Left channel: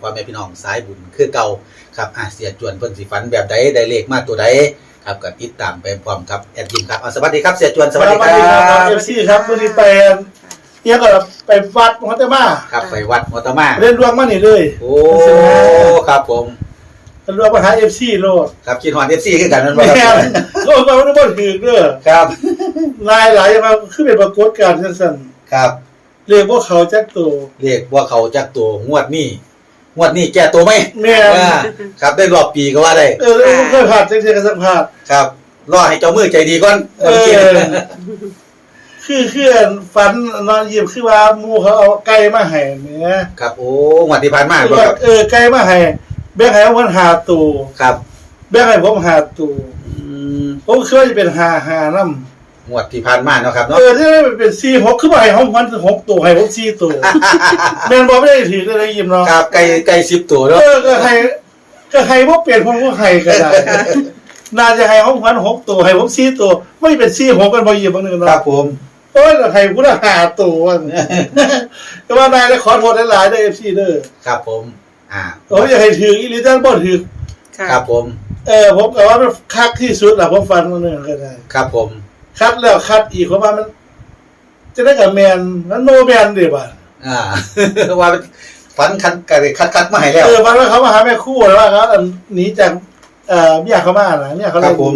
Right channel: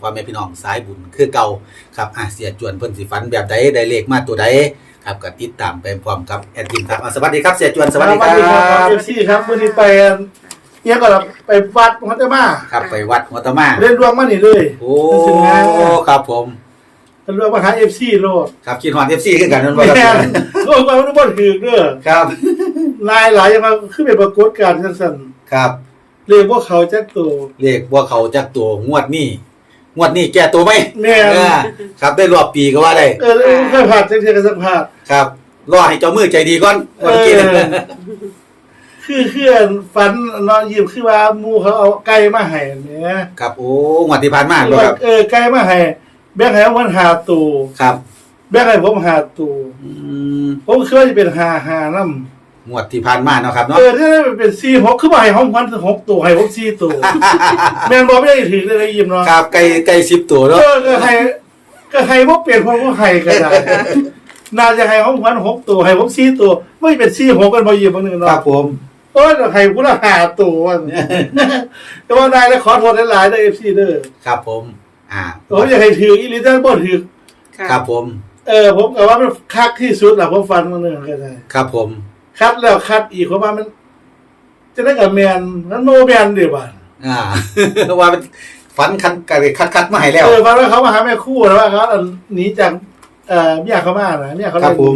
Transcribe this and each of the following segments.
พ่อแม่พี่น้องสายบุญคือเก่าครับอาเสียจวนเพิ่นสิฝันแบบใดได้เลขมาตัวใดครับก็ติดตามไปพร้อมครับแอดยิมครับอะสวัสดีครับเสียจวนสวัสดีคสวัสดีครับรับเอฟซีครับวันนี้ไปเที่ยวก็ไปวัดมัตตมาครับไปวัดมัตตมาเล่นรวมมานี่เลยโอ้ใช่ไหมครับผมเป็นรวมมาหาเอฟซีโลดครับคิดฮอด FC คือกันนั่นบ่แม่ครับนโลดมาไม่ได้บ่ถือเด้อครับลายหลายอย่างมาขึ้นเป็นปรากฏการณ์สั้นครับๆเรียกว่าเขาจักตัวเลขว่าเขาจักตัวงวดนี้ งวดนี้แก้ตัวไหมแม่น เออครับได้รอบปีก็ว่าได้ เออเออเคยผ่านจังเทียกันสักผ่าน ครับ รอให้เจ้ามือใจดีก่อนเออ คือคือฝันนอนยิ้มคือว่าหมูเขาเอาไก่มาให้แหม่ครับ โอ้งวดที่ผ่านมาบ่ครับ เออไก่มาให้แบ่งให้เอามันหาตัวครับ แบ่งให้ผมหาตัวอืมผมคิดว่าจะเป็นหาหานำ งวดที่ผ่านมาเนาะครับเอเนาะอที่มันเป็นซีหกคือว่าให้ห้องพันหกตัวให้ผมซีตัวแมนบอกไม่ได้ถือเลยยิ้มเนาะครับไก่ไก่สิบตัวเอเนาะอก็ให้ก็ให้พวกเปลี่ยนคนก็ให้ก็ได้น่าจะให้ห้องพันหกตัวให้ผมซีตัวไม่เป็นซีหกกันพอยิ้มบางนึงครัเนาะบผมโอ้ยแต่ให้กูละหาตัวแต่ว่านายแล้วขอโทษหลายๆได้เอฟซีเด้อครับผม อ่าผมอยากให้ถืออีลิตันบ่ถือค่ะครับผม เออผมก็ว่ามันคักที่สุดแหละผมฟันมันนึงก็ได้ครับผม คัดแล้วคัดอีกเพราะว่ามัน จะได้กับแมนแล้วโนแมนเดี๋ยวบ่าอ่าว่าเป็นฝันคันกระคัดคัดมาให้แล้วเออวันว่าเขามาหาแม่คู่แล้วว่าเขาหนีจากเอ่อเมียเขามานะเมียเขาคเลรัยบผม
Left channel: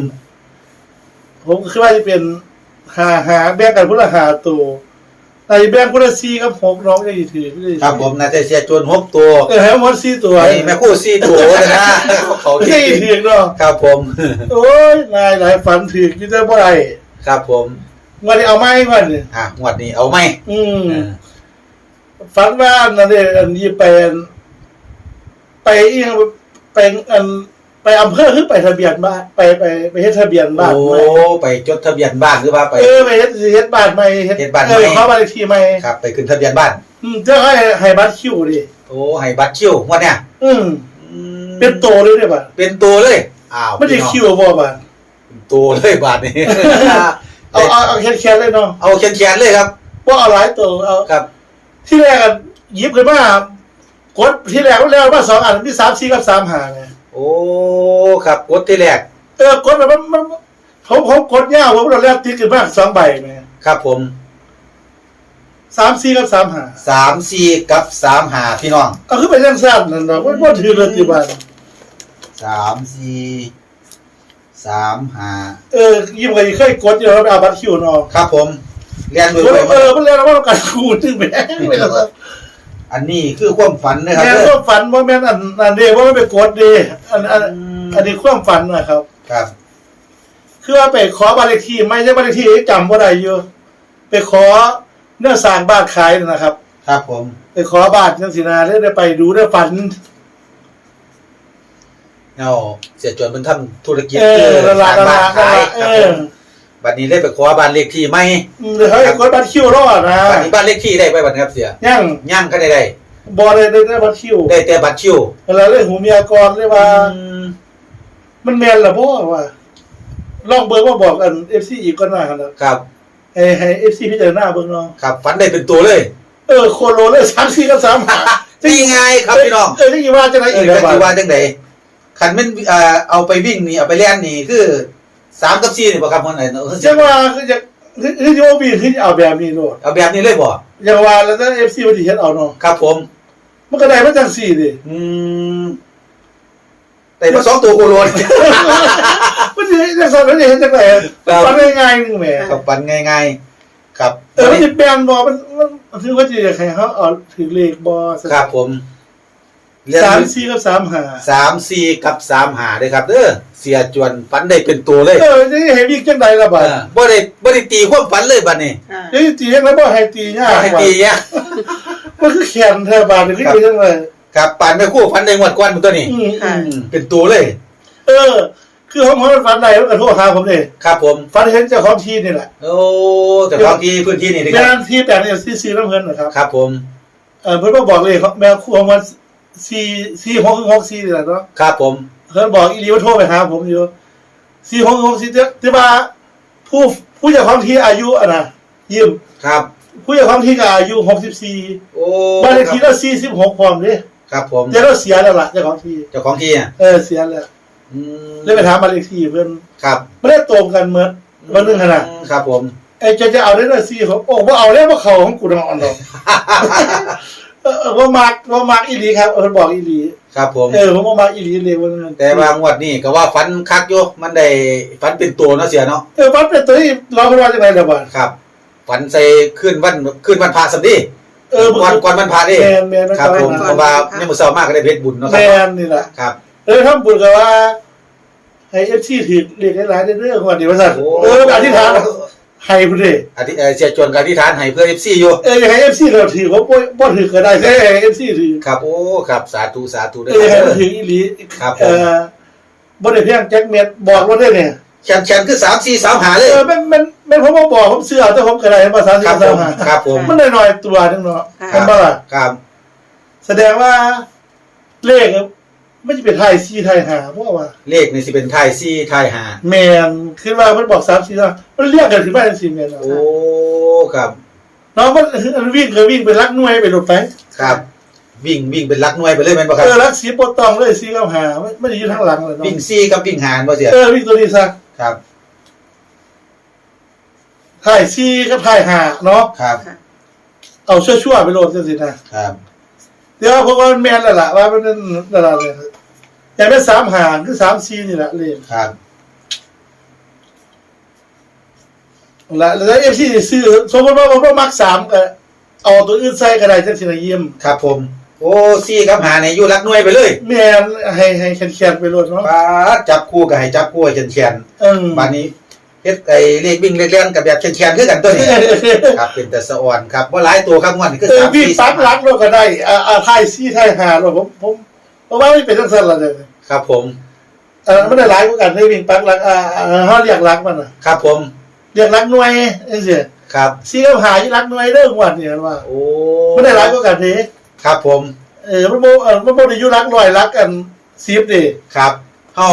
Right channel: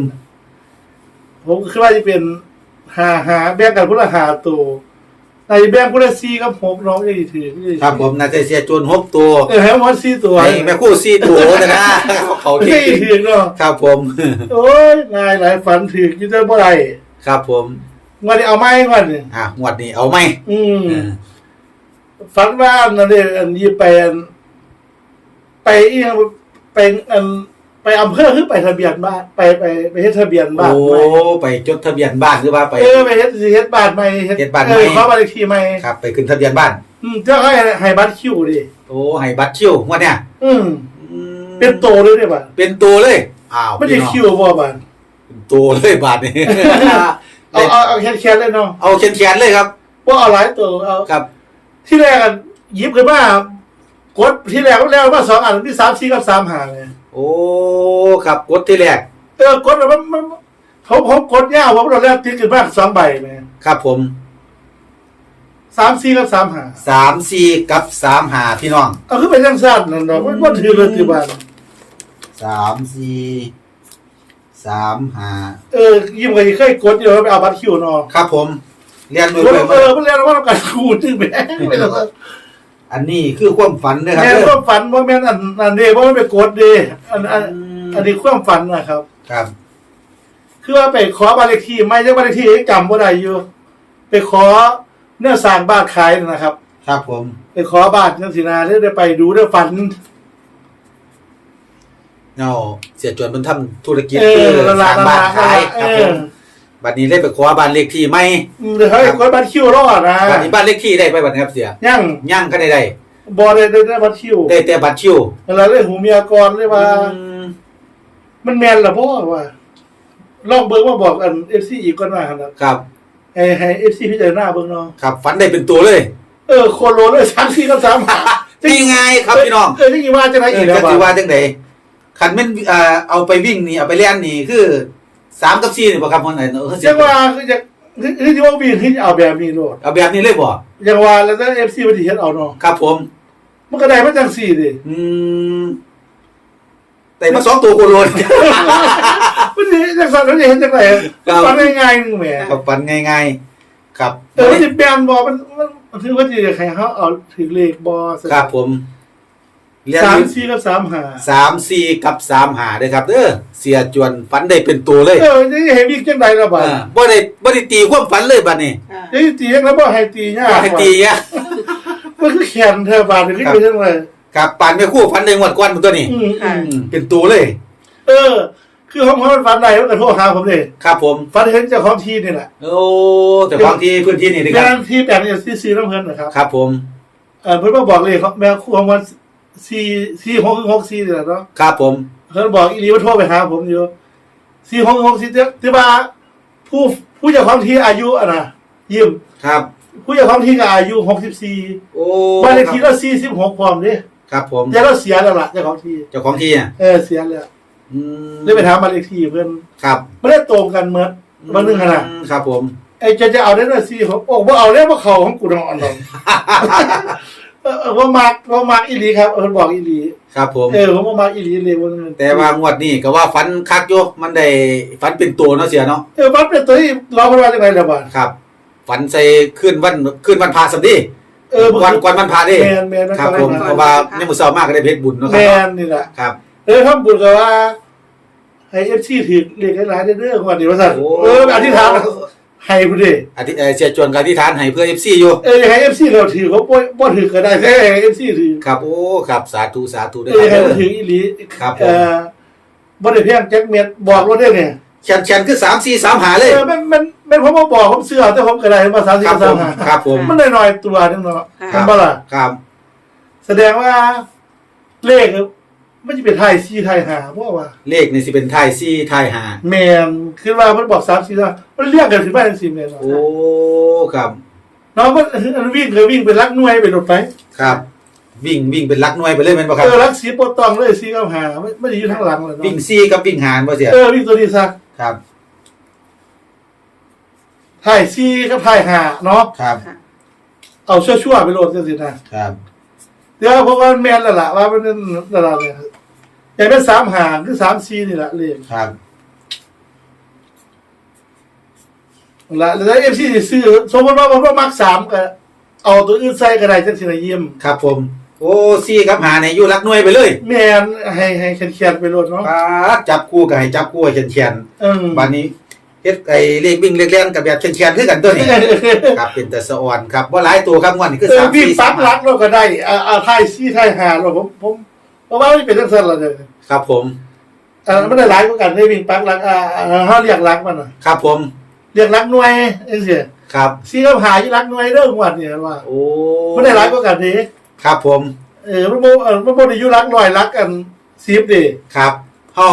ผมคิดว่าจะเป็นหาหาแบ่งกันพุทธหาตัวในแบ่งพุทธซีกับหกน้องจะถือไม่ได้ครับผมน่าจะเสียจวนหกตัวเออให้หมดซีตัวให้แม่คู่สี่ตัวนะเขาไม่ที่ใช่ถือเนาะครับผม โอ้ยนายหลายฝันถือกินได้บ่ไร ครับผมวันนี้เอาไม้ก่อนเนี่ยอะงวดนี้เอาไหมอืมเออฝันว่าอันนั่นเองอันนี้ไปอันไปอีกไปอันไปอำเภอคือไปทะเบียนบ้านไปไปไปเฮ็ดทะเบียนบ้านโอ้ไว้ไปจดทะเบียนบ้านหรือว่าไป เออไปเฮ็ดสิเฮ็ดบ้านใหม่เฮ็ดบ้านใหม่ เออขอบ้านเลขที่ใหม่ครับ ไปขึ้นทะเบียนบ้าน อืมเจ้าให้ให้บัตรคิวดิโอ้ให้บัตรคิวงวดเนี้ยอืมอืมเป็นโตเลยเด้บัดเป็นตัวเลยอ้าวไม่ได้พี่น้องคิวบ่บัดเป็น ตัวเลยบาทนี้ เอาเอาเอาแค่ๆเลยเนาะเอาแขนๆเลยครับว่าเอาหลายตัวเอาครับ ที่แรกอะหยิบขึ้นมากดที่แรกก็แล้วมาสองอันที่3 4กับ3 5ไงโอ้ครับกดที่แรกเออกดแล้วมันมันผมผมกดยาวผมตอนแรกติดขึ้นมาสองใบแม่ครับผม3 4กับ3 5สามสี่กับสามหาพี่น้องเอาคือเป็นจังซั่นนั่นเนาะมันบ่ถือเลยที่บ้านสามสี่ สามหาเออยิ้มก็เคยกดอยู่แล้วไปเอาบัตรคิวเนาะครับผมเรียนโดยเอไปอเออมันเรียกว่าการคูณถึงแม่งไม่ต้องอันนี้คือความฝันนะครับแม่นความฝันว่าแม่นอันอันเดีว่าไม่ไปกดดีอันอันอันนี้ความฝันนะครับ ครับ คือว่าไปขอบ้านเลขที่ไม่ใช่บ้านเลขที่จำว่าได้อยู่ ไปขอเนื้อสร้างบ้านขายนะครับ ครับผม ไปขอบ้านจังสีนาได้ได้ไปดูได้ฝัน เอาเสียจวนมันทำธุรกิจเออคือละสละร้างละบ้านละขายละคเอรับผอมบัดนี้ได้ไปขอบ้านเลขที่ไหมอืมเดี๋ยวให้กดบัตรคิวรอดนะบัดนี้บ้านเลขที่ได้ไปบัดนี้ครับเสียยังย่างก็ได้ได้บอได้ได้ได้บัตรคิวได้แต่บัตรคิวเวลาเรื่องหูเมียกรเลยว่าอืมมันแมนเหรอพ่อว่าลองเบิร์ว่าบอกกันเอฟซีอีกก็น่าขนาดครับให้ให้เอฟซีพิจารณาเบิ่งเนาะครับฝันได้เป็นตัวเลย เออโคโลเลยสามสี่กับสามหานี่ไงครับพี่น้องเออที่ว่าจะไหนเออีอกครับจะว่าจังได ขันแม่นเอ่อเอาไปวิ่งนี่เอาไปเล่นนี่คือสามกับสี่นี่บ่ครับคนไหนเนาะจังว่าคือจะคือคือที่ว่ามีคือจะเอาแบบนี้โลดเอาแบบนี้เลยบ่อย่างว่าแล้วถ้าเอฟซีมันสิเฮ็ดเอาเนาะครับผมมันก็ได้มาจังสี่ดิอืมแต่มาสองตัวโคโลน มันสิจังซั่นมันสิเฮ็ดจังไดครับ ฟังง่ายๆนึงแหมกับฝันง่ายๆครับเออมันสิแปลนบ่มันมันคือว่าสิอยากให้เขาเอาถึงเลขบ่ครับผม เรียนสามสี่กับสามหาสามสี่กับสามหาเลยครับเด้อเสียจวนฝันได้เป็นตัวเลยเออจะให้วิ่งจังไดล่ะเอบัดอบ่ได้บ่ได้ตีความฝันเลยบัดนี้ค่ะจะตีจังแล้วบ่ให้ตียากให้ว่ะตีเนี่ยมันคือแขนเธอบาดนี่คือจังไดครับปานไปคู่ฝันได้งวดกวนมันตัวนี้อืมอืมอืมเป็นตัวเลย เออ คือผมมันฝันได้มันก็โทรหาผมเลยครับผมฝันเห็นเจ้าของที่นี่แหละโอ้แต่บางที่พื้นที่นี่นะคแม่รับนที่แปลงเนี่ยซีซีน้ำเพิ่นนะครับ ครับ ผมเออเพิ่นมาบอกเลยเขาแม่คู่ของมัน ซีซีหกหกซีนี่แหละเนาะครับผมเพิ่นบอกอีหลีว่าโทรไปหาผมอยู่ซีหกหกซีที่ว่าผู้ผู้เจ้าของที่อายุอะนะยืมครับ ผู้เจ้าของที่ก็อายุหกสิบสี่โอ้บ้านเลขที่ก็สี่สิบหกพร้อมเด้โครับผมเดี๋ยวเราเสียแล้วล่ะเจ้าของที่เจ้าของที่อะเออเสียแล้วอืมเลยไปถามมาเลขที่เพิ่นครับไม่ได้ตรงกันเหมือนวันหนึงขนาดครับผมไอ้จะจะเอาได้เลยสิผมโอ้บ่เอาแล้วบ่เขาของกูนอนดอกเออ เออว่ามักว่ามักอีหลีครับเออบอกอีหลีครับผม เออผมว่ามักอีหลีเลยวันนั้นแต่ว่างวดนี้ก็ว่าฟันคักอยู่มันได้ฟันเป็นตัวเนาะเสียเนาะเออมันเป็นตัวที่เราเพิ่นว่าจังไดล่ะบ่ครับฝันใส่ขึ้นวันขึ้นวันพาสัมดีเออก่อนก่อนวันพาดิแม่นแม่นมันครับผมก่อนเพราะว่าในมือเช้ามากก็ได้เพชรบุญเนาะคแม่รับนนี่ล่ะครับ เออทำบุญก็ว่าให้ FC ถือเรียกหลายๆเด้อๆวันนี้ว่าซั่นเอออธิษฐาน ให้พุ่นเด้อธิเอ่อเสียจวนกับอธิษฐานให้เพื่อ FC อยู่ เอออยากให้ FC เราถือว่าบ่บ่ถือก็ได้แค่ให้ FC ถือครับ โอ้ ครับ สาธุ สาธุด้วเออให้ยมันถืออีหลีครับผม เออบ่ได้เพียงแจ็คเม็ดบอกเราได้เนี่ยแขนแขนคือ3 4 3หาเลยเออมันมันมันผมมาบอกผมเสื้อแต่ผมก็ได้ภาษาคที่รับภาผษามหาครับผม มันน้อยๆตัวนึงเนาะค่ะเป็นบ่ล่ะ ครับ แสดงว่าเลข ไม่ใช่เป็นไทยซีไทยหาเพราะว่า เลขนี่สิเป็นไทย4ไทยหาแมนคือว่ามันบอก3 4 3มันเรียกกันถึงบ้านสิแม่นเนาะโอ้ ครับเนาะมันมันวิ่งเคยวิ่งไปลักหน่วยไปรถไป ครับ วิ่งวิ่งเป็นลักหน่วยไปเลยแม่นบ่ครัเอบอลักสีโปรตองเลยซีกับหาไม่ไม่ได้อยู่ทางหลังเลยเนาะวิ่งซี่กับวิ่งหารบ่เสียเออวิ่งตัวนี้ซะครับ ไทยซีกับไทยหาเนาะครับ ค่ะ เอาชั่วๆไปโหลดจังซี่นะครับ เดี๋ยวผมว่ามันแม่นแล้วล่ะว่ามันเป็นระดับเนี่ย อย่างเป็น3หางคือ3 4นี่แหละเลขครับละแล้วเอฟซีซื้อสมมติว่าผมมักสามก็เอาตัวอื่นใส่ก็ได้จังสินะเยี่ยมครับผม โอ้ซี่กับหาเนี่ยอยู่ลักหน่วยไปเลยแม่นให้ให้แคนๆไปโลดเนาะปาดจับคู่กับให้จับคู่ให้แขนเออๆบัดนี้เฮ็ดไอ้เลขวิ่งเลขเล่นกับแบบแขนๆคือกันตัวนี้ ครับเป็นแต่สะอ่อนครับว่าหลายตัวครับงวดนี้คือเออสามวิ่งสี่ปักหลักเราก็ได้อ่าอ่าไทยซี่ไทยหาเราผมผม เพราะว่าไม่เป็นจังซั่นละเด้อครับผมอ่ามันได้หลายกว่ากันได้วิ่งปักหลักอ่าอ่าเฮาเรียกหลักมันน่ะครับผมเรียกหลักหน่วยจังซี่ครับซี่กับหาอยู่หลักหน่วยเด้องวดนี่ว่าโอ้มันได้หลายกว่ากันเด้ครับผมเออมันบ่เออมันบ่ได้อยู่หลักร้อยหลักกัน10เด้ครับเฮา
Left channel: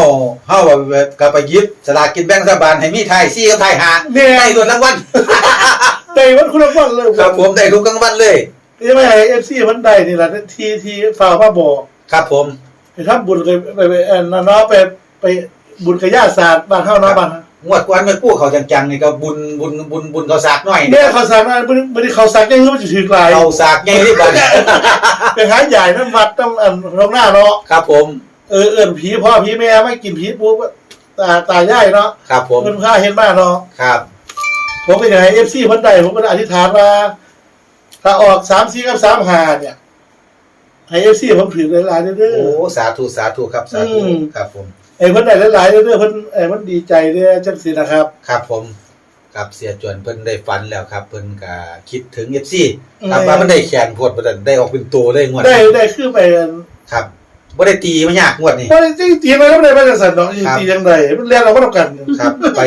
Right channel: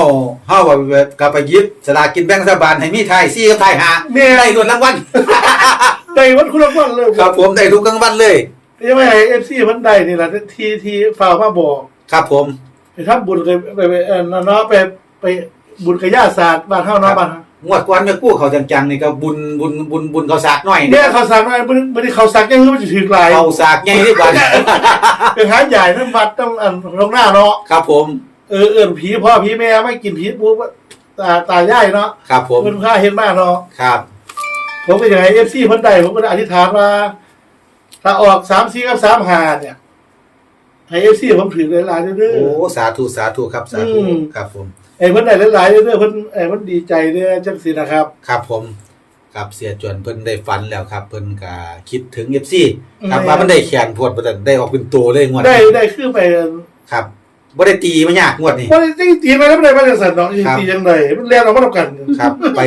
เฮาแบบก็ไปหยิบสลากกินแบ่งรัฐบาลให้มีไทยซี่กับไทยหาแม่ได้ตัวรางวัลได้วันคุณรางวัลเลยครับผมได้ทุกรางวัลเลยยังไม่ให้เอฟซีมันได้นี่แหละที่ที่ฝ่ากมาบอก ครับผม ไปทำบุญไปไปไปเออเนาะไปไปบุญกับญาติศาสตร์บ้านเฮาเนาะบ้านเฮางวดก่อนแม่กู้เขาจังๆนี่ก็บุญบุญบุญบุญเขาสากหน่อยเนี่ยเขาสั่งมาบ่ได้บ่ได้เขาสั่งยังคือมันสิถึงหลายเขาสากใหญ่ที่บ้าน ไปหาใหญ่น้ำวัดน้ำอันโรงหน้าเนาะครับผม เออเอิ้นผีพ่อผีแม่ไม่กินผีปุ๊บตาตายายเนาะครับผม เพิ่นพาเห็นมาเนาะ ครับ ผมก็อยากให้ FC เพิ่นได้ผมก็อธิษฐานว่า ถ้าออก3 4กับ3 5เนี่ย ให้ FC ผมถือหลายๆเด้อ โอ้สาธุสาธุครับสาธุอืม ครับผม ไอ้เพิ่นได้หลายๆเด้อเพิ่นไอ้เพิ่นดีใจเด้อจังซี่นะครับ ครับผมครับเสียจวนเพิ่นได้ฝันแล้วครับ เพิ่นก็คิดถึง FC อืมครับว่ามันได้แขนพวดบ่ได้ได้ออกเป็นตัวเลยงวดได้นี้ได้คือไปครับบ่ได้ตีมันยากงวดนี้บ่ได้จริงตีไปแล้วบ่ได้มาจังซั่นเนาะครับ ตีจังไดมันเรียนเราบ่ต้องกัน ครับ ไป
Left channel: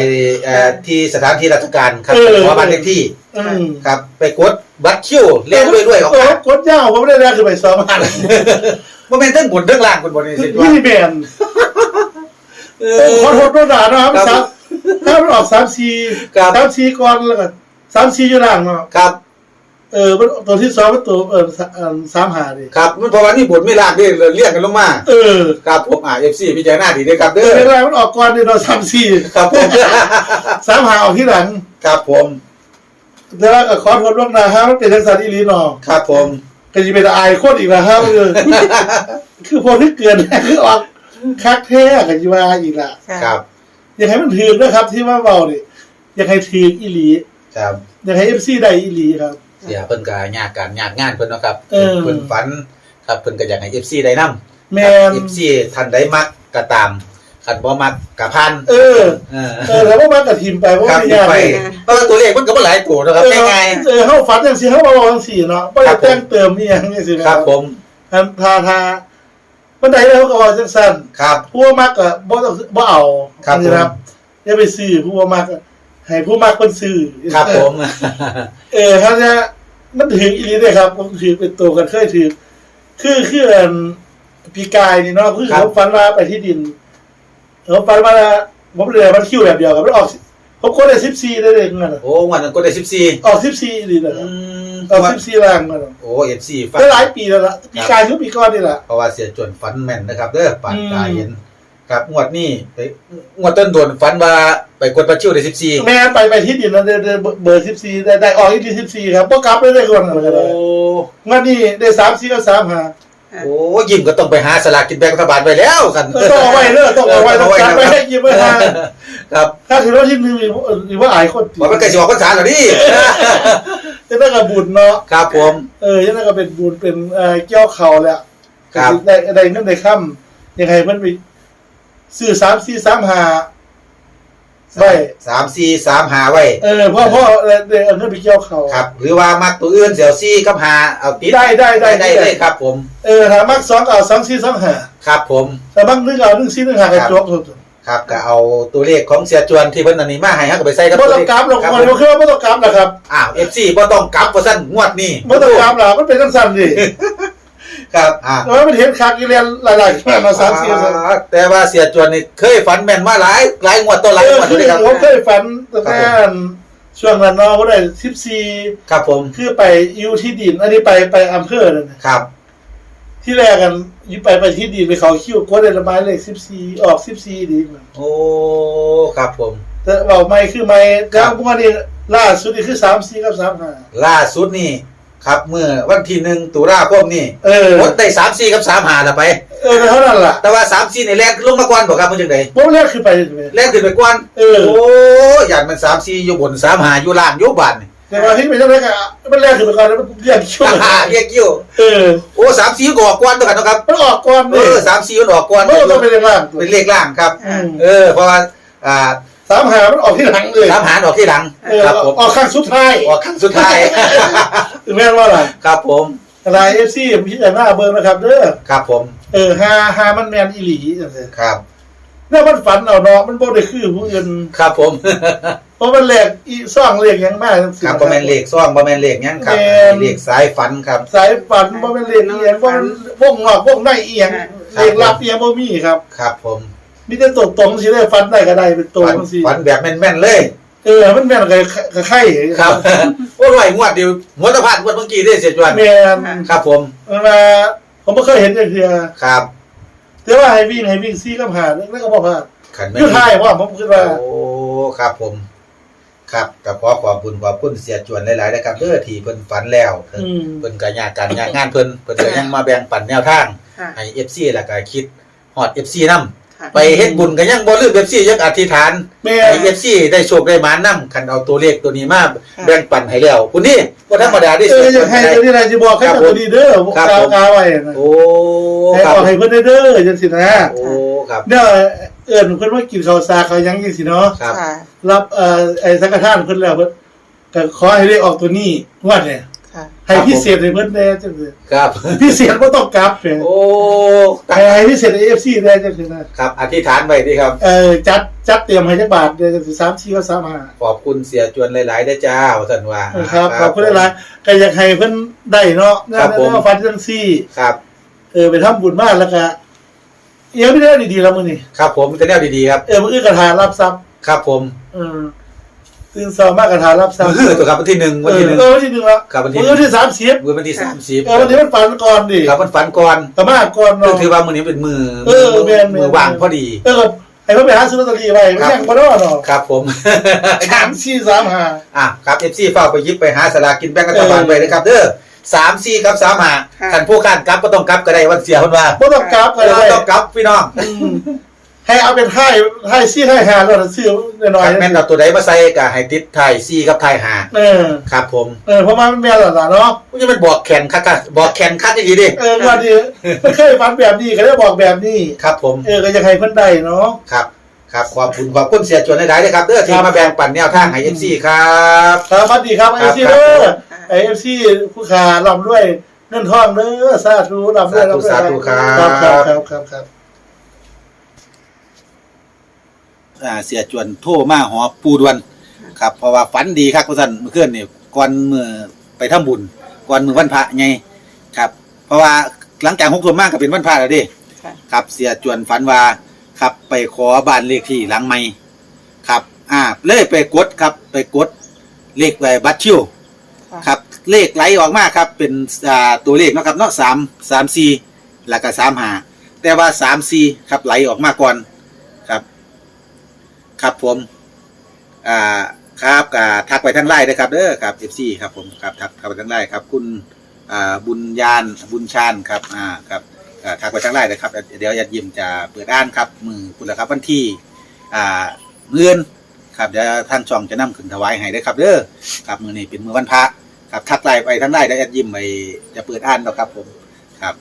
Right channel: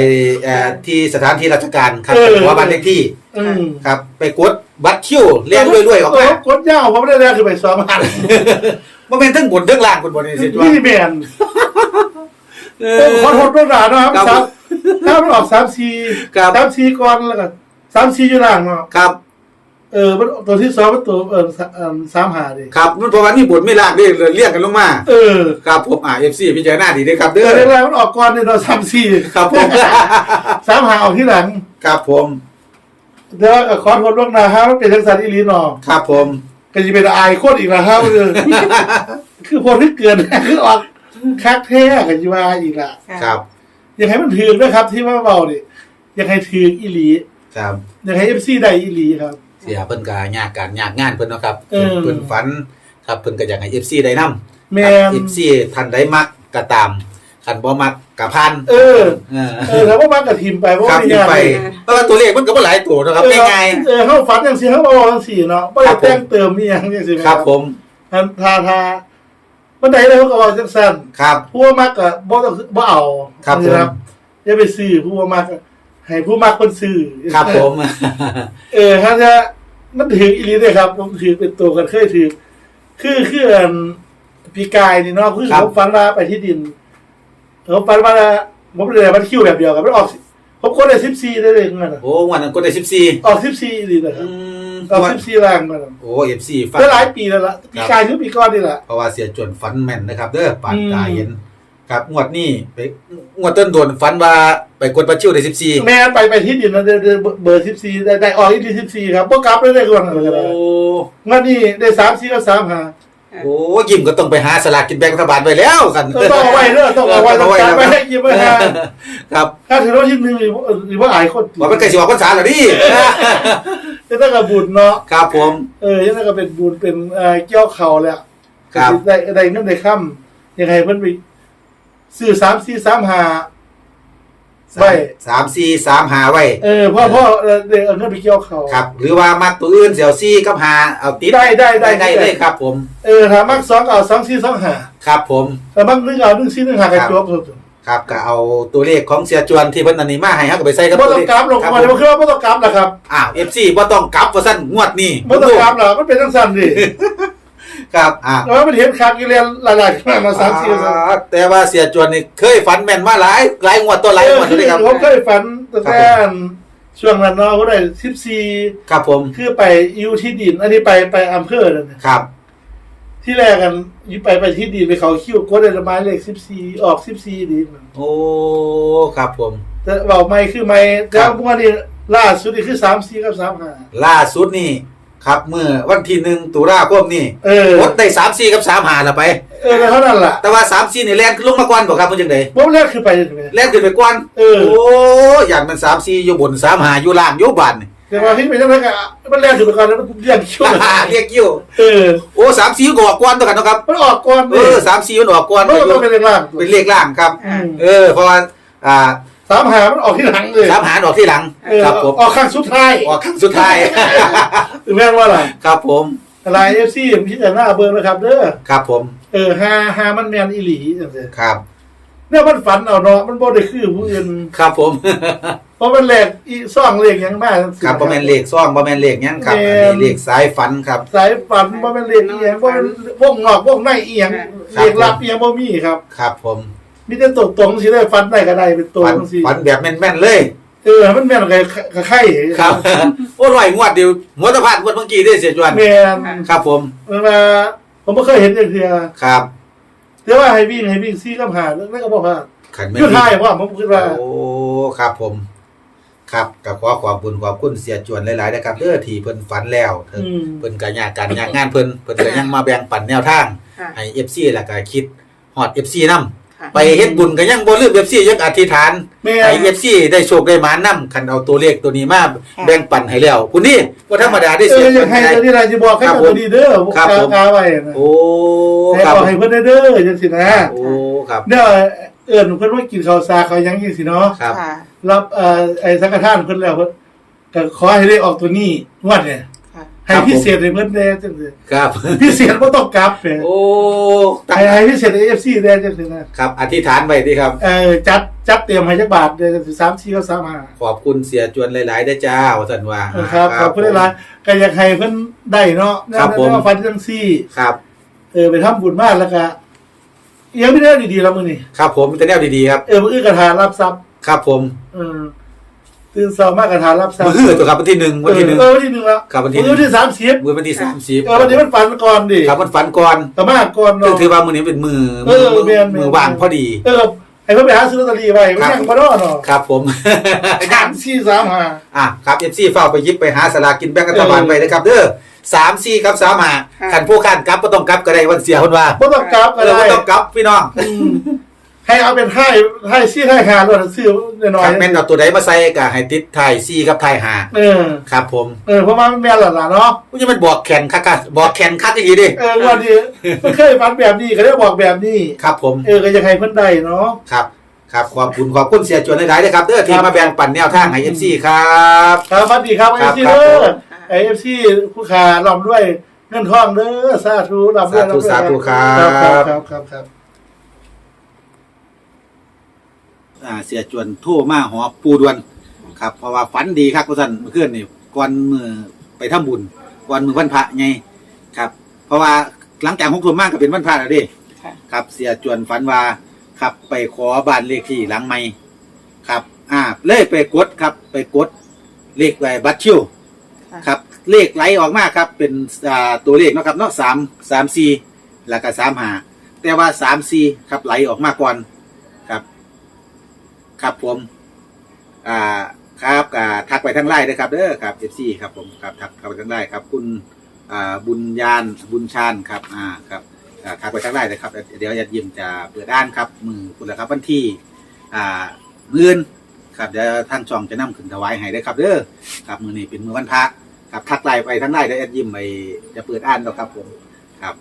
เอ่อที่สถานที่ราชการครับเออ ขอบ้านเลขที่อืม ครับ ไปกด บัตรคิวเรียนรวยๆออกเอมาอกดยาวผมไม่ได้เรียนคือไปซ้อมหันบ่แม่นทั้งบนทั้งล่างคนบ่นี่สินี่แม่นเอเอออ ขอโทษด้วยนะเนาะครับครับสามถ้ามันออก3ครับ4 3 4ก่อนแล้วก็3 4อยู่ล่างเนาะครับ เออมันตัวที่สองมันตัวเออ3 5ดิครับมันเพราะว่านี่บทไม่ลากนี่เรียกกันลงมาเออครับผมอ่า FC พิจารณาดีเด้อครับเอเด้ออแรกๆมันออกก่อนนี่เนาะ3 4ครับผม3 5ออกที่หลัง ครับผม แต่ว่าขอโทษล่วงหน้าฮะมันเป็นจังซั่นอีหลีเนาะครับผมก็จะเป็นอายโคตรอีกแล้วครับคือ คือพอที่เกินคือออกคักแท้กันจีว่าอีกละครับอยากให้มันถือนะครับ ที่ว่าเบาเนี่ยอยากให้ถืออีหลีครับอยากให้เอฟซีได้อีหลีครับเสียเพิ่นก็ยากการยากงานเพิ่นเนาะครับเออเพิ่นฝัน ครับเพิ่นก็อยากให้ FC ได้นำแมน FC ท่านใดมักก็ตาม คันบ่มักก็ผ่านเออ เออเออแล้วว่ามันกับทีมไปเพราะครัว่าบไม่มียากไปเลยเพราะว่าตัวเลขมันก็บ่หลายตัวเนาะครับเออง่าย เออเขาฝันอย่างสี่เขาบอกอย่างสี่เนาะไม่ครัได้บผม แต่งเติมนี่ยังนี่สิๆครับผมทาทาทาบันไดเลยเขาก็ว่าจังสั้นครับ ผู้ว่ามากก็บ่ต้องบ่เอาครับนี่นะครับอย่าไปซื้อผู้ว่ามากก็ให้ผู้มากคนซื้อครับผม เออครับจะมันถืออีหลีเลยครับผมถือเป็นตัวกันเคยถือคือคืออันปีกายนี่เนาะคือครับเขาฟันว่าไปที่ดิน เขาฟันว่าผมเลยมันคิวแบบเดียวกับมันออกผมก็ได้สิบสี่ได้เลยงั้นน่ะโอ้วันนั้นก็ได้14ออกสิบสี่อีหลีนะครัอืบมเอาสิบสี่ล่างมาแล้วโอ้เอฟซีฟังก็หลายปีแล้วล่ะปีกายหรือปีก่อนนี่แหละ เพราะว่าเสียจวนฝันแม่นนะครับ เด้อปานอืมตาเห็นครับงวดนี้ไปงวดต้นโดนฝันว่าไปกดประชิวได้สิบสี่แม่นไปไปที่ดินแล้วเดเดเบอร์สิบสี่ได้ได้ออกที่ดินสิบสี่ครับพวกกลับได้ได้ก่อนอะไรก็ได้โอ้งวดนี้ได้สามสี่ก็สามหา โอ้ยิ้มก็ต้องไปหาสลากกินแบ่งรัฐบาลไปแล้วกันต้องเอาไว้เด้อต้องเอาไว้ต้องการไว้ให้ยิ้มไว้ฮะครับถ้าถือว่าที่หนึ่งหรือว่าอายคนว่ามันใกล้สิออกพรรษาแล้วนี่จะได้กับบุญเนาะครับผม เออยังไงก็เป็นบุญเป็นเอ่อเกี่ยวเข่าแหละครับได้ได้เงินได้ค่ำยังไงเพิ่นไปซื้อสามสี่สามหา ไว้ สามสี่สามหาไว้ เออพ่อพ่อเออได้เอาเงินไปเกี่ยวเข่าครับ หรือว่ามักตัวอื่นเสี่ยวซี่กับหาเอาติดได้ได้ได้ได้เลยครับ ผม เออถ้ามักสองก็เอาสองสี่สองหาครับผม แต่มักหนึ่งเอาหนึ่งสี่หนึ่งหากระจกสุดครับก็เอาตัวเลขของเสียจวนที่เพิ่นอันนี้มาให้เฮาก็ไปใส่กับบ่ตัวต้อเลงขกราฟลงครับมาผเดี๋ยวคือว่าบ่ต้องกราฟนะครับอ้าว FC บ่ต้องกลับว่าซั่นงวดนี้บ่ต้องกราฟหรอกมันเป็นจังซั่นดิ ครับอ่า แล้วมันเห็นคักอีเรียนหลายๆมามาสามสี่สามอ่าแต่ว่าเสียจวนนี่เคยฝันแม่นมาหลายหลายงวดตัวหลายเองอวดคือเลยครับ ผมเคยฝันตั้งแต่ช่วงนั้นเนาะเขาได้สิบสี่ครับผมคือไปอยู่ที่ดิน อันนี้ไปไปอำเภอนั่นน่ะครับ ที่แรกกันอยู่ไปไปที่ดินไปเขาคิวก็ได้ระบายเลขสิบสี่ออกสิบสี่ดีมันโอ้ครับผม แต่เบาไม่คือไม่แล้วพวกนี้ล่าสุดนี่คือสามสี่กับสามห้าล่าสุดนี่ ครับเมื่อวันที่หนึ่งตุลาคมนี่เออรถได้สามสี่กับสามหาละไป เออแต่เท่านั้นล่ะแต่ว่าสามสี่นี่แล่นลงมาก่อนบ่ครับเพิ่นจังไดพวกแรกคือไปเลยแล่นขึ้นไปก่อนเออโอ้อย่างมันสามสี่อยู่บนสามหาอยู่ล่างอยู่บ้านนี่แต่ว่าที่ไปจังไรก็มันแรกคือไปก่อนแล้วมันเรียกคิวอ่าเรียกยิ้วเออโอ้สามสี่ก็ออกก่อนตัวกันเนาะครับมันออกก่อนเอเลยอสามสี่มันออกก่อนมันก็ต้องเป็นเลขล่างเป็นเลขล่างครับอืมเออเพราะว่าอ่าสามหามันออกที่หลังเลยสามหารออกที่หลังเออครับผมออกข้างสุดท้ายออกครั้งสุดท้ายถึง แม้ว่าอะไรครับผมอะไรเอฟซีพี่จะหน้าเบิร์นะครับเด้อครับผม เออฮาฮามันแมนอีหลีจังซี่ครับเนี่ยมันฝันเอาเนาะมันบ่ได้คือผู้อื่นครับผมเพราะมันแหลกอีซ่องเลขหยังมากจังซี่ครับบ่แม่นเลขซ่องบ่แม่นเลขหยังครับแม่นเลขสายฝันครับ สายฝันบ่แม่นเลขอีหยังบ่แม่นวงงอกวงในอีหยังครับเลขลับอีหยังบ่มีครับ ครับผมมีแต่ตรงตรงๆสิได้ฝันได้ก็ได้เป็นตัวฝันจังซี่ฝันแบบแม่นๆเลย เออ มันแม่นก็ก็ไข่ครับโอ้ร้อยงวดเดียวหัวตะพานงวดเมื่อกี้ได้เสียจวนแม่นครับ ผมมันมาผมบ่เคยเห็นจังซี่ครับแต่ว่าให้วิ่งให้วิ่งซี่กับหาแล้วก็บ่พลาดขันอยู่ท้ายว่าผมคิดว่าโอ้ครับผม ครับก็ขอขอบคุณขอบคุณเสียจวนหลายๆนะครับเด้อที่เพิ่นฝันแล้วเพิ่นอืมเพิ่นก็ยากการยากงานเพิ่นเพิ่นก็ยังมาแบ่งปันแนวทางค่ะให้ FC แล้วก็คิดฮอด FC นำค่ะ ไปเฮ็ดบุญก็ยังบ่ลืม FC ยังอธิษฐานแม่ ให้ FC ได้โชคได้หมานำคันเอาตัวเลขตัวนี้มาแบ่งปันให้แล้วคุณนี่บ่ธรรมดาได้เอเสีอยอยากให้ตัวนี้นายจะบอกให้ตัวนี้เด้อครับกาผมกาไว้นะโอ้ให้ครับบอกให้เพิ่นได้เด้อจังซี่นะโอ้ครับเนี่ยเอิ้นเพิ่นว่ากินข้าวสาเขาวหยังจังซี่เนาะครับ ค่ะ รับเอ่อไอ้สังฆทานเพิ่นแล้วเพิ่นก็ขอให้ได้ออกตัวนี้งวดเนี่ยค่ะ ให้พิเศษให้เพิ่นแน่จังซี่ครับ พิเศษบ่ต้องกลับแหมโอ้ให้ให้พิเศษให้ FC แน่จังซี่นะครับ อธิษฐานไว้ดีครับ เอ่อจัดจัดเตรียมให้จักบาทเดือน3 4ก็35ขอบคุณเสียจวนหลายๆได้อจ้าว่าซั่นว่าเออครับขอบคุณหลายๆก็อยากให้เพิ่นได้เนาะนั่นครับผมนั่นฟันจังซี่ครับ เออไปทำบุญมากแล้วก็เอียงไม่ได้ดีๆแล้วมื้อนี้ครับ ผมมีแต่แนวดีๆครับเออมื้ออื่นกระทานรับทรัพย์ครับผมเออ ตื่นเช้ามากกระทานรับทรัพย์มือตัวครับวันที่หนึ่งเอวันอที่หนึ่งเออวันที่หนึ่งแล้วครับวันที่มื้อที่สามสิบมือวันที่สามสิบเออวันนี้มันฝันก่อนดิครับมันฝันก่อนแต่มาก่อนก็เนาะถือว่ามือนี้เป็นมือเออแม่นๆมือว่างพอดี เออให้เพิ่นไปหาซื้อลอตเตอรี่ไว้ไม่ครับแข่งบ่เนาะเนาะครับผมสามสี่สามห้าอะครับเอฟซีเฝ้าไปหยิบไปหาสลากกินแบ่งรัฐบาลเออไปนะครับเด้อสามสี่กับสามหาค่ะขันผู้การกลับก็ต้องกลับก็ได้วันเสียคนว่าบ่ต้องกราฟก็เออได้บ่ต้องกลับพี่น้องอืม ให้เอาเป็นไท่ไท่ซี่ไท่หาแล้วซื้อหน่อยครับแม่นเอาตัวใดมาใส่ก็ให้ติดไทายซี่กับไทายหาเออ ครับผมเออเพราะว่ามันแม่นแล้วล่ะเนาะ มันจะเป็นบอกแขนคักกะบอกแขนคักอย่างนี้ดิเออวันนี้มันเคยฝันแบบนี้ก็ได้บอกแบบนี้ ครับผมเออก็อยากให้เพิ่นได้เนาะ ครับ ครับขอบคุณขอบคุณเสียจวนหลายๆเลยครับเด้อที่ครับ มาแบ่งปันแนวทางให้เอฟซีครับ ครับสวัสดีครับคไอรับซีครับเด้อค่ะไอเอฟซีผู้ขาลำด้วยเงินทองเด้อสาธุลำด้วยสาธุลำด้วยสาธุครับ ครับครับครับครับครับ อ่าเสียจวนโทรมาหอปูดวนครับเพราะว่าฝันดีครับคุณสันเมื่อคืนนี่ก่อนมือไปทำบุญก่อนมือวันพระไงครับ เพราะว่าหลังจากหกคนมากก็เป็นวันพระแล้วดิค่ะ ครับเสียจวนฝันว่าครับไปขอบ้านเลขที่หลังไม่ครับ อ่าเลยไปกดครับไปกดเลขไว้บัตรชิวค่ะ ครับเลขไหลออกมาครับเป็นอ่าตัวเลขเนาะครับเนาะสามสามสี่แล้วก็สามหาแต่ว่าสามสี่ครับไหลออกมาก่อนครับ ครับผมอ่าครับอ่าทักไปทางไลน์นะครับเด้อครับเอฟซีครับผมครับทักทักไปทางไลน์ครับ คุณอ่าบุญญาณบุญชาญครับอ่าครับอ่าทักไปทางไลน์นะครับ เดี๋ยวยัดยิมจะเปิดอ่านครับมือคุณละครับวันที่อ่าเมื่อนครับเดี๋ยวทางช่องจะนำขึ้นถวายให้ได้ครับเด้อครับมือนี้เป็นมือวันพระครับทักไลน์ไปทางไลน์เดี๋ยวยัดยิมไปจะเปิดอ่านแล้วครับผมครับ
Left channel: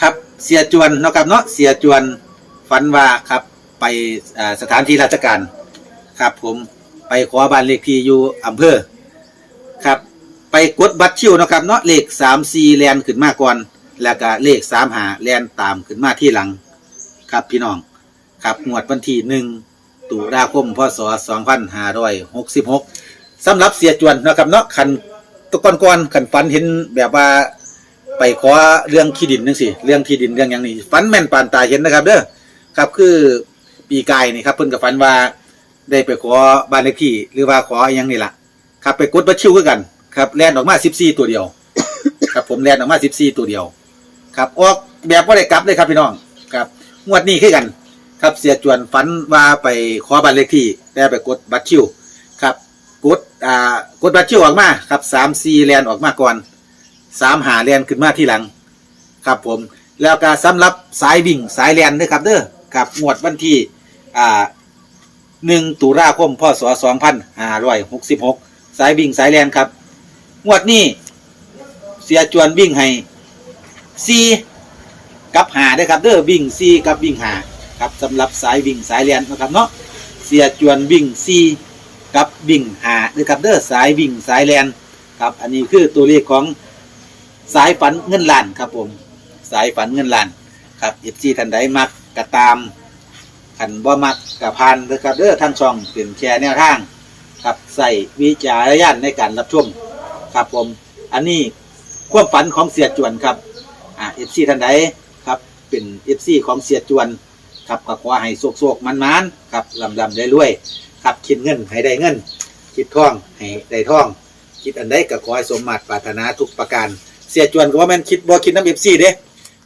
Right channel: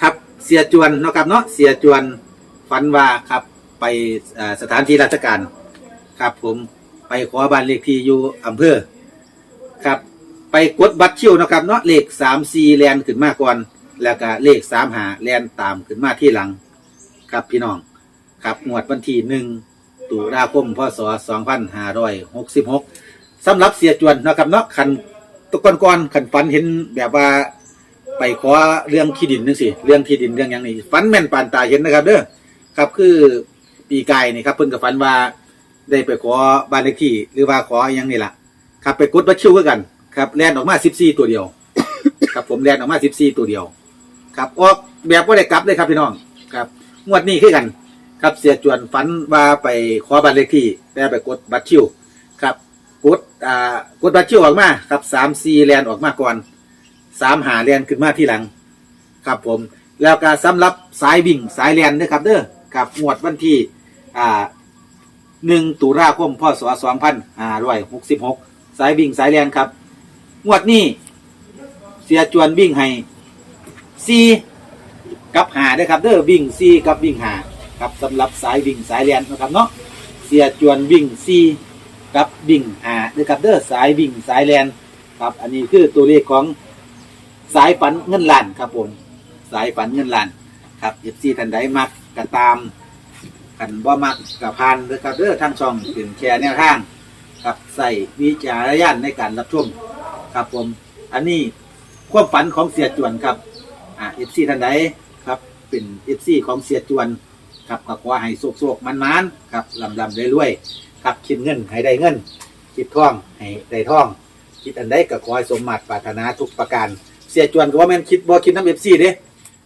ครับเสียจวนนะครับเนาะเสียจวนฝันว่าครับ ไปสถานที่ราชการครับผมไปขอบ้านเลขที่อยู่อำเภอครับ ไปกดบัตรเชี่ยวนะครับเนาะเลขสามสี่แลนขึ้นมาก่อน แล้วก็เลขสามหาแลนตามขึ้นมาที่หลัง ครับพี่น้องครับงวดวันที่หนึ่งตุลาคมพศสองพันห้าร้อยหกสิบหกสำหรับเสียจวนนะครับเนาะขันตะกอนกอนๆขันฝันเห็นแบบว่าไปขอเรื่องที่ดินนึงสิเรื่องที่ดินเรื่องอย่างนี้ฝันแม่นปานตาเห็นนะครับเด้อครับคือ ปีกายนี่ครับเพิ่นกับฝันว่าได้ไปขอบ้านเลขที่ หรือว่าขออหยังนี่ล่ะครับไปกดบัตชิวคือกัน ครับแลนออกมา14ตัวเดียว ครับผมแลนออกมา14ตัวเดียว ครับออกแบบบ่ได้กลับเลยครับพี่น้องครับงวดนี้คือกัน ครับเสียจวนฝันว่าไปขอบ้านเลขที่แต่ไปกดบัตรชิวครับกดอ่ากดบัตรชิวออกมาครับ3 4แลนออกมาก่อนสามหาแลนขึ้นมาที่หลัง ครับผมแล้วก็สำหรับสายวิ่งสายแลนนะครับเด้อกับงวดวันที่ อ่าหนึ่งตุลาคมพศสองพันห้าร้อยหกสิบหกสายวิ่งสายแลนครับ งวดนี้เสียจวนวิ่งให้ซีกับหาด้อครับเด้อวิ่งซีกับวิ่งหาครับสำหรับสายวิ่งสายแลนนะครับเนาะเสียจวนวิ่งซีกับวิ่งหาเด้อครับเด้อสายวิ่งสายแลนครับอันนี้คือตัวเลขของสายฝันเงินล้านครับผมสายฝันเงินล้านครับเอฟซีท่านใดมักกระตาม ขันบ่มักกระพานนะครับเด้อท่างช่องเป็นแชร์แนวทางครับใส่วิจารณญาณในการรับชมครับผม อันนี้ความฝันของเสียจวนครับอ่าเอฟซีท่านใดครับเป็นเอฟซีของเสียจวนครับก็ขอให้โศกโศกมันมันๆครับลำลำได้รวยครับคิดเงินให้ได้เงิน คิดท่องให้ได้ท่อง คิดอันใดก็ขอให้สมมาตรปรารถนาทุกประการ เสียจวนก็ว่าแม่นคิดบ่คิดน้ำเอฟซีเด้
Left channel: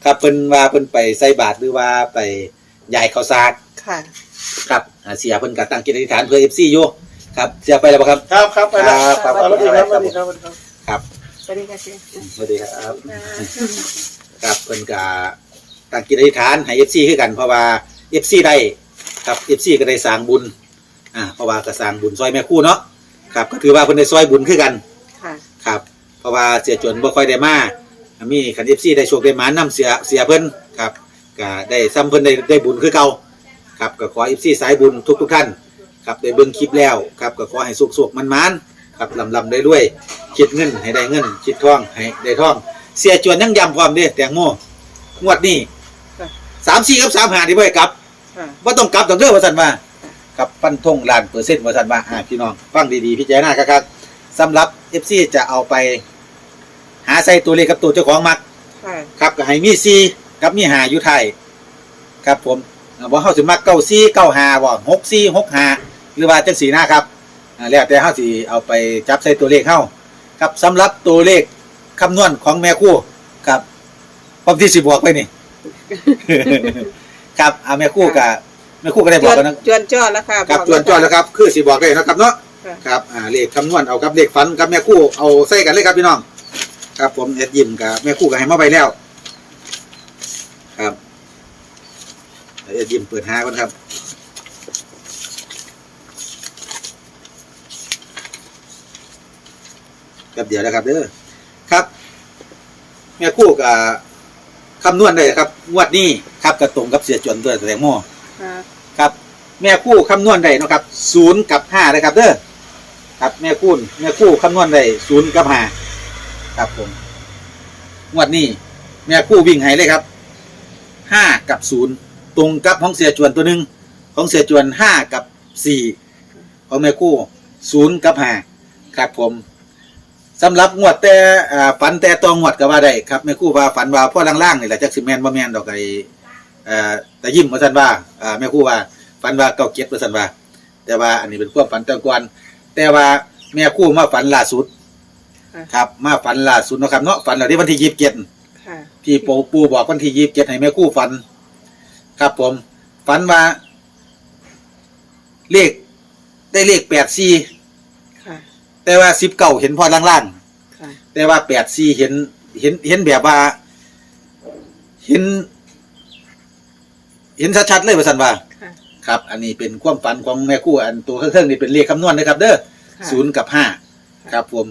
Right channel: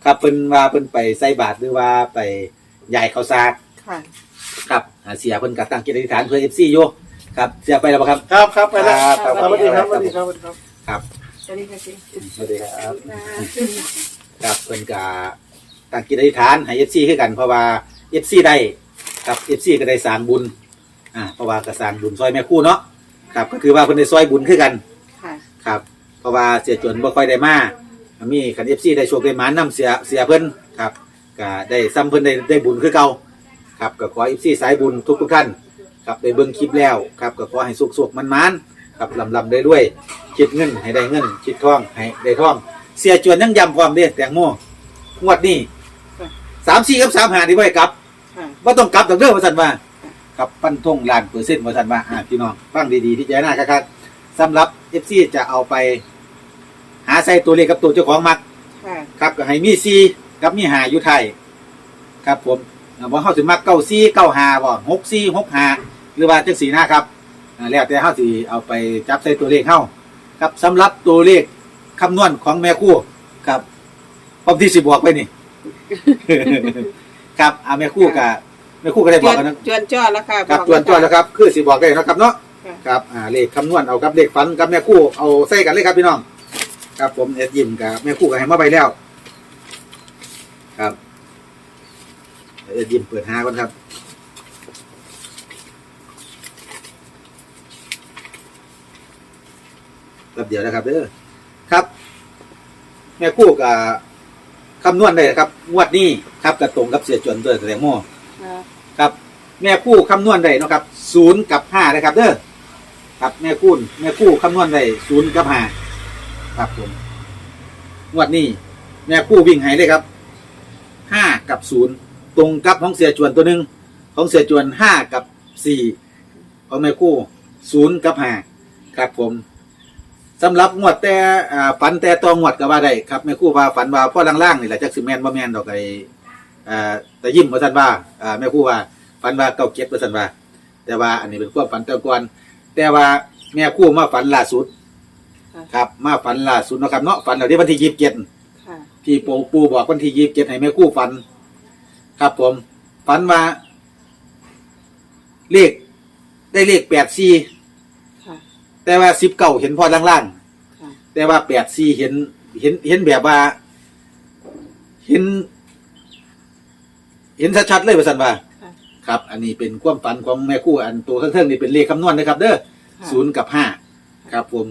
ครับเพิ่นว่าเพิ่นไปใส่บาตรหรือว่าไป ยายข้าวสากค่ะ ครับอ่าเสียเพิ่นก็ตั้งจิตอธิษฐานเพื่อเอฟซีอยู่ครับ เสียไปแล้วบ่ครับ ครับครับไปแล้วครับสวัสดีครับสวัสดีครับสวัสดีครับครับสวัสดีค่ะเจ๊สวัสดีครับ ครับเพิ่นก็ตั้งจิตอธิษฐานให้เอฟซีคือกันเพราะว่าเอฟซีได้ครับเอฟซีก็ได้สร้างบุญอ่าเพราะว่าก็สร้างบุญซอยแม่ครู่เนาะครับก็ถือว่าเพิ่นได้ซอยบุญคือกันค่ะ ครับ เพราะว่าเสียจนบ่ค่อยได้มามีคันเอฟซีได้โชคได้หมานำเสียเสียเพิ่นครับ ก็ได้ซ้ำเพิ่นได้ได้บุญคือเก่าครับก็ขอเอฟซีสายบุญทุกทุกๆท่านครับได้เบิ่งคลิปแล้วครับก็ขอให้สุขๆมันๆครับลำลำได้ด้วยคิดเงินให้ได้เงินคิดทองให้ได้ทอง เสียจวนยังย้ำความเด้แตงโมงวดนี้สามสี่กับสามห้าที่ไว้กลับค่ะว่าต้องกลับต้องเด้อว่าสันว่าครับฟันธงล้านเปอร์เซ็นต์ว่าสันว่าอ่าพี่น้องฟังดีๆพิจารณาครับสำหรับเอฟซีจะเอาไป หาใส่ตัวเลขกับตัวเจ้าของมักค่ะครับก็ให้มีซี กับมีหาอยู่ไทยครับผมอ่าบ่เฮาสิมักเก้าซีเก้าหาบ่หกซีหกหาหรือว่าจังสีนะครับอ่าแล้วแต่เฮาสิเอาไปจับใส่ตัวเลขเฮาครับสำหรับตัวเลขคำนวณของแม่ครู่ครับพร้อมที่สิบอกไปนี่ครับอาแม่ครู่กับแม่ครู่ก็ได้จบอวกนกันนะจวนจ้อแล้วค่ะครับอกจวนจวนแล้วครับ คือสิบอกได้นะครับเนาะค่ะครับอ่าเลขคำนวณเอากับเลขฝันกับแม่ครู่เอาใส่กันเลยครับพี่น้อง ครับผมเอ็ดยิมกับแม่ครู่ก็ให้มาไปแล้ว ครับเอ็ดยิมเปิดหาก่อนครับแป๊บเดียวนะครับเด้อครับแม่ครู่กับคำนวณได้ครับงวดนี้ครับกระตรงกับเสียจวนตัวแสดงโม่ค่ะครับ แม่คู่คำนวณได้เนาะครับศูนย์กับห้านะครับเด้อครับแม่คู่แม่คู่คำนวณได้ศูนย์กับห้าครับผมงวดนี้แม่คู่วิ่งให้เลยครับ ห้ากับศูนย์ตรงกับของเสียจวนตัวหนึ่งของเสียจวนห้ากับสี่ของแม่คู่ศูนย์กับห้าครับผมสำหรับงวดแต่อ่าฝันแต่ตองวดก็ว่าได้ครับแม่คู่ว่าฝันว่าพ่อล่างๆนี่แหละจักสิแมนบ่แมนดอกไอ้อ่าแต่ยิ้มว่าท่านว่าอ่าแม่คู่ว่าฝันว่าเก้าเก็บตัวสันว่า แต่ว่าอันนี้เป็นความฝันแต่ก่อนแต่ว่าแม่คู่มาฝันล่าสุดค่ะครับมาฝันล่าสุดเนาะครับเนาะฝันเราที่วันที่ยี่สิบเจ็ดค่ะ ที่ปูปูบอกวันที่ยี่สิบเจ็ดให้แม่คู่ฝัน ครับผม ฝันว่า เลข ได้เลขแปดสี่ค่ะ แต่ว่าสิบเก้าเห็นพอล่างค่ะ ๆ แต่ว่าแปดสี่เห็น เห็น เห็นแบบว่า เห็น เห็นชัดๆเลยว่าสันว่า ค่ะ ครับ อันนี้เป็นความฝันของแม่คู่อันตัวเครื่องๆนี่เป็นเลขคำนวณนะครับ เด้อค่ะศูนย์กับห้าครับผม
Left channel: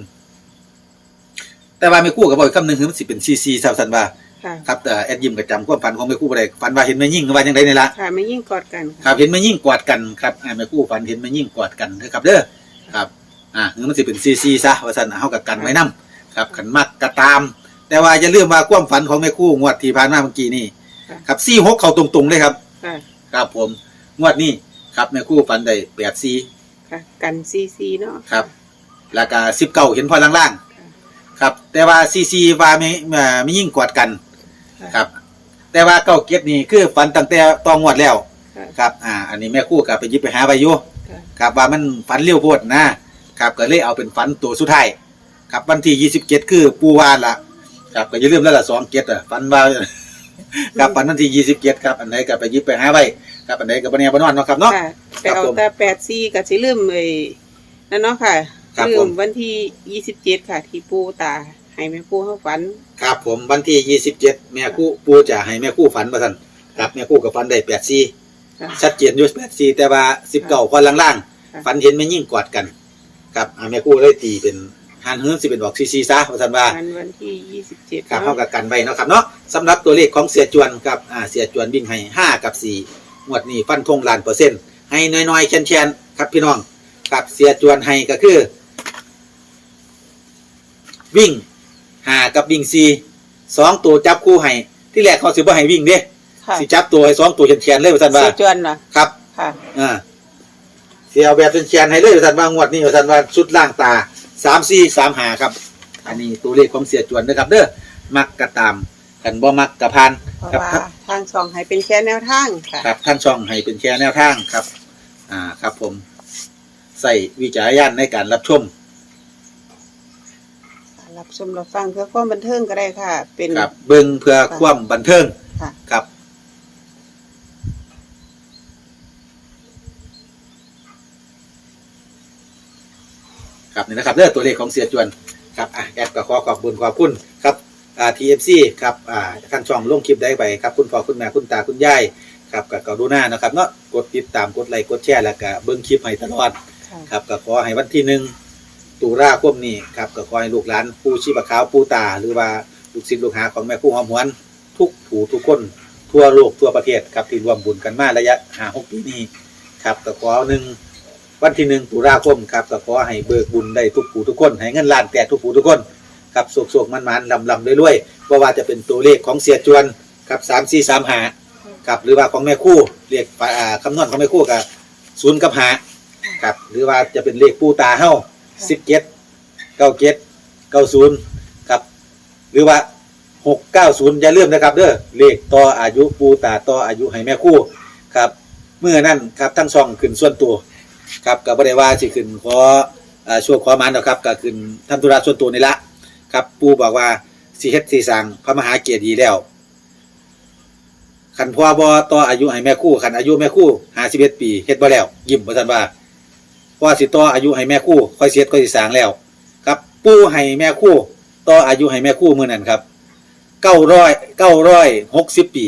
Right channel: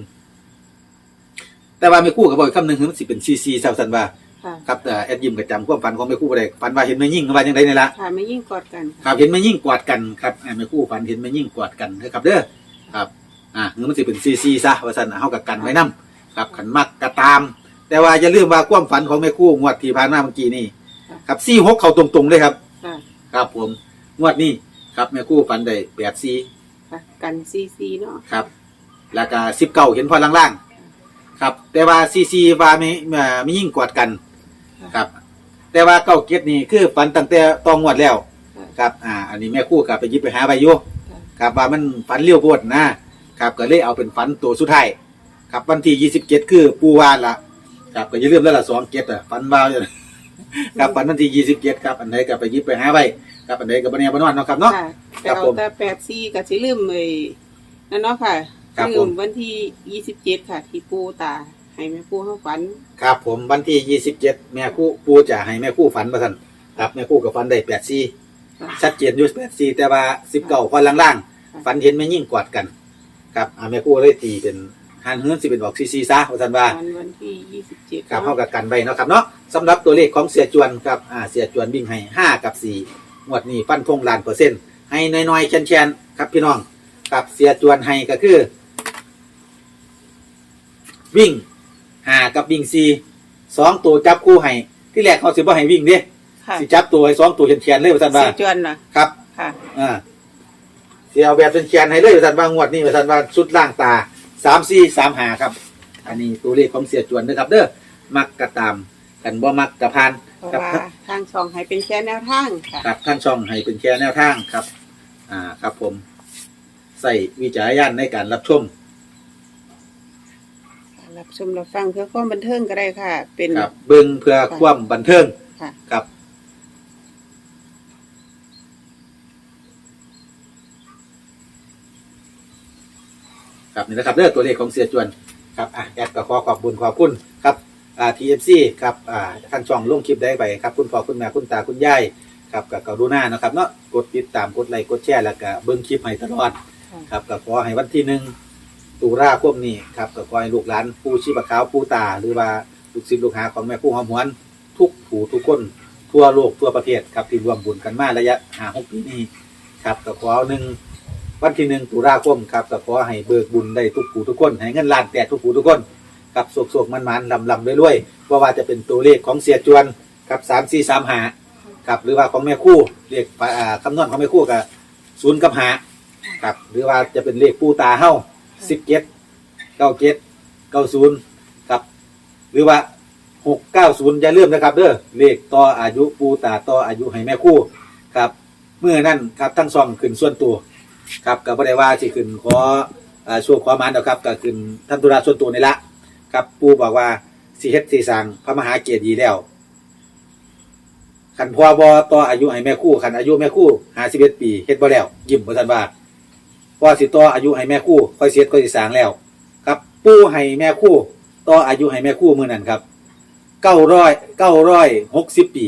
แต่ว่าแม่คู่กับบอกอีกคำหนึ่งคือมันสิเป็นซีซีสาวสันว่า ค่ะครับแต่แอดยิมกับจำความฝันของแม่คู่บ่ได้ฝันว่าเห็นแม่ยิ่งว่าอย่างไรนี่ละค่ะไม่ยิ่งกอดกันครับเห็นแม่ยิ่งกอดกันครับอ่าแม่คู่ฝันเห็นแม่ยิ่งกอดกันนะครับเด้อครับอ่าหรือมันสิเป็นซีซีซะว่าสันเฮากับกันไว้นํครับขันมักกระตาม แต่ว่าอย่าลืมว่าความฝันของแม่คู่งวดที่ผ่านมาเมื่อกี้นี่ครับซี่หกเข้าตรงๆเลยครับค่ะครับผมงวดนี้ครับแม่คู่ฝันได้แปดซีค่ะกันซีซีเนาะครับแล้วก็สิบเก้าเห็นพอล่างๆครับ แต่ว่าซีซีว่าไม่เอ่อไม่ยิ่งกอดกัน ค่ะครับ แต่ว่าเก้าเกียรตินี่คือฝันตั้งแต่ตองงวดแล้ว ค่ะครับ อ่า อันนี้แม่คู่กับไปหยิบไปหาไปอยู่ค่ะ ครับว่ามันฝันเลี้ยวโพดนะ ครับก็เลยเอาเป็นฝันตัวสุดท้าย ครับวันที่ยี่สิบเจ็ดคือปูวานละครับก็อย่าลืมแล้วล่ะสองเกียรติอะฝันว่า ครับฝันวันที่ยี่สิบเจ็ดครับอันไหนก็ไปหยิบไปหาไปครับอันไหนก็บันเนียบนอนเนาะครับเนาะ ค่ะไปครับเอาผมแต่แปดซีกับสิลืมเลยนั่นเนาะค่ะครับลืผมมวันที่ยี่สิบเจ็ดค่ะ ที่ปูตา ให้แม่ปูเขาฝันครับผมวันที่ยี่สิบเจ็ดแม่คู่ปูจะให้แม่คู่ฝันมาสั่นครับแม่คู่กับฝันได้แปดซีค่ะ ชัดเจนอยู่แปดซีแต่ว่าสิบเก้าคนล่างค่ะ ๆฝันเห็นแม่ยิ่งกอดกันครับอ่าแม่คู่เลยตีเป็นหันเฮือนสิเป็นบอกซีซีซะว่าสันว่า วันวันที่ยี่สิบเจ็ดครับเนาะเท่ากับกันไว้เนาะครับเนาะสำหรับตัวเลขของเสียจวนครับอ่าเสียจวนวิ่งให้ห้ากับสี่งวดนี้ฟันธงล้านเปอร์เซ็นต์ให้น้อยๆแชนๆครับพี่น้องครับเสียจวนให้ก็คือ วิ่ง ห้ากับวิ่งสี่สองตัวจับคู่ให้ที่แรกเขาสิบ่ให้วิ่งเด้ค่ะสิจับตัวให้สองตัวแชนๆเลยว่าซั่นว่าเสียจวนเหรอครับ ค่ะ อ่าเสียเอาแบบแชนๆให้เลยว่าซั่นว่างวดนี้ว่าซั่นว่าชุดล่างตาสามสี่สามหาครับ อันนี้ตัวเลขของเสียจวนนะครับ เด้อมักกระตามกันบ่มักกระพานเพราะครับว่าทางช่องให้เป็นแค่แนวทางค่ะ ครับท่านช่องให้เป็นแค่แนวทางครับ อ่าครับผม ใส่วิจารณญาณในการรับชม รับชมรับฟังเพื่อความบันเทิงก็ได้ค่ะ เป็น ครับเบิ่งเพื่อความบันเทิงค่ะ ครับ ครับนี่นะครับเรื่องตัวเลขของเสียจวนครับอะแอดก็ขอขอบคุณขอบคุณครับอ่าทีเอฟซีครับอ่าท่านช่องลงคลิปได้ไปครับคุณพ่อคุณแม่คุณตาคุณยายครับกับกรุณานะครับเนาะกดติดตามกดไลค์กดแชร์แล้วก็เบิ่งคลิปให้ตลอด ค่ะ ครับก็ขอให้วันที่หนึ่ง ตุลาคมนี้ครับก็ขอให้ลูกหลานผู้ชีพขาวผู้ตา หรือว่าลูกศิษย์ลูกหาของแม่คู่หอมหวน ทุกผู้ทุกคนทั่วโลกทั่วประเทศครับที่รวมบุญกันมาระยะหาหกปีนี้ครับก็ขอหนึ่งวันที่หนึ่งตุลาคมครับก็ขอให้เบิกบุญได้ทุกผู้ทุกคนให้เงินล้านแตกทุกผู้ทุกคนครับโศกโศกมันมันลำลำๆรวยๆว่าว่าจะเป็นตัวเลขของเสียจวนครับสามสี่สามหาครับหรือว่าของแม่คู่เรียกคำนวณของแม่คู่กับศูนย์กับหาครับหรือว่าจะเป็นเลขปูตาเฮ้า สิบเจ็ดเก้าเจ็ดเก้าศูนย์ครับ หรือว่าหกเก้าศูนย์อย่าลืมนะครับเด้อเลขต่ออายุปูตาต่ออายุให้แม่คู่ครับ เมื่อนั้นครับทั้งสองขึ้นส่วนตัว ครับกับบริวาสิขึ้นขออ่าช่วงขอมันนะครับก็ขึ้นทำธุระส่วนตัวนี่ละครับปูบอกว่าสิเฮ็ดสิสั่งพระมหาเกียรติดีแล้วขันพ่อบอต่ออายุให้แม่คู่ขันอายุแม่คู่ห้าสิบเอ็ดปีเฮ็ดบ่แล้ว ยิ้มบ่ทันว่า ว่าสิต่ออายุให้แม่คู่ค่อยเสียดค่อยสิสร้างแล้ว ครับ ปู่ให้แม่คู่ต่ออายุให้แม่คู่มือนั้นครับเก้าร้อยเก้าร้อยหกสิบปี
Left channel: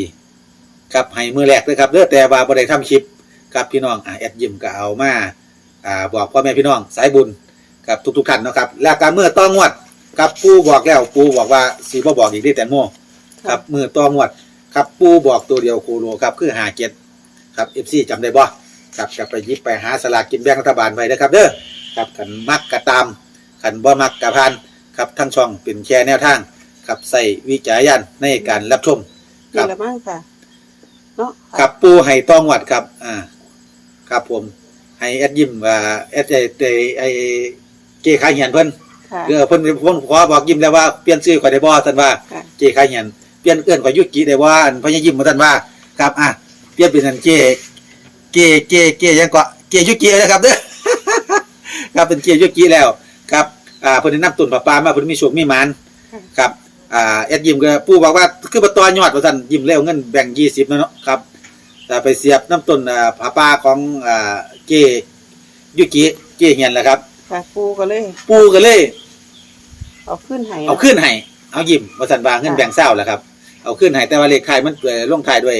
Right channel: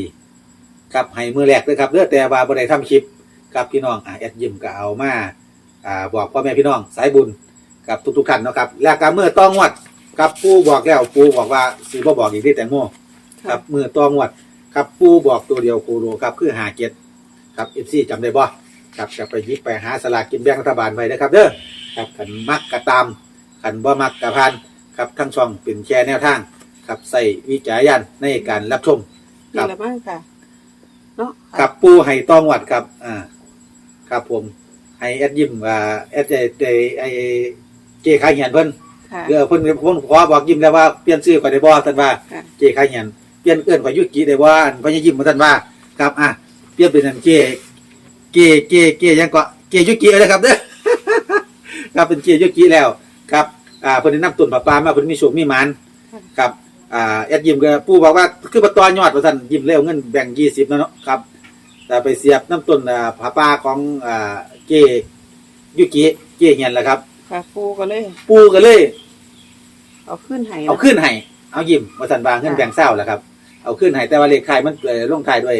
ครับให้มือแรกเลยครับเลือแต่ว่าบ่ได้ทำคลิปกับพี่น้องอ่าแอดยิมก็เอามาอ่าบอกพ่อแม่พี่น้องสายบุญกับทุกๆท่านเนาะครับแล้วการเมื่อต้องวดครับปู่บอกแล้วปู่บอกว่าสีบ่บอกอีกได้แต่โม่ครับมือต้องวดครับปู่บอกตัวเดียวโคโลครับคือหาเจ็ดครับเอฟซีจำได้บ่ ครับกลับไปหยิบไปหาสลากกินแบ่งรัฐบาลไปนะครับ เด้อครับขันมักกะตามขันบ่มักกะพานครับทั้งช่องเป็นแชร์แนวทางครับใส่วิจารณญาณในการรับชมครันี่บละมั้งค่ะ เนาะครับปูให้ต้องวัดครับอ่าครับผมให้แอดยิมว่าแอดไอไอ้ไอเจขายเหียนเพิ่น ค่ะ เออเพิ่นเพิ่นขอบอกยิมแล้วว่าเปลี่ยนชื่อข่อยได้บ่ท่านว่าค่ะ เจขายเหียนเปลี่ยนเอื้อนข่อยยุกิได้บ่อันพญายิมบ่ท่านว่า ครับอะเปลี่ยนเป็นอันเจ เจเจเจยังก็เจยุกิเลยครับเด้อครับเป็นเจยุกิแล้วครับอ่าเพิ่นได้นำตุนปลาปลามาเพิ่นมีโชคมีหมานค่ะครับอ่าแอดยิมก็ปู่บอกว่าคือบ่ต่อยอดว่าซั่นยิ้มแล้วเงินแบ่ง20นะเนาะครับแต่ไปเสียบน้ำต้นอ่าผาปลาของอ่าเจยุกิเจเฮียนแหละครับค่ะปูก็เลย ปู่ก็เลย เอาขึ้นให้เอาขึ้นให้เอายิ้มว่าซั่นว่าเงินแบ่งเศร้าแหละครับ เอาขึ้นให้แต่ว่าเลขท้ายมันเอ่อลงท้ายด้วย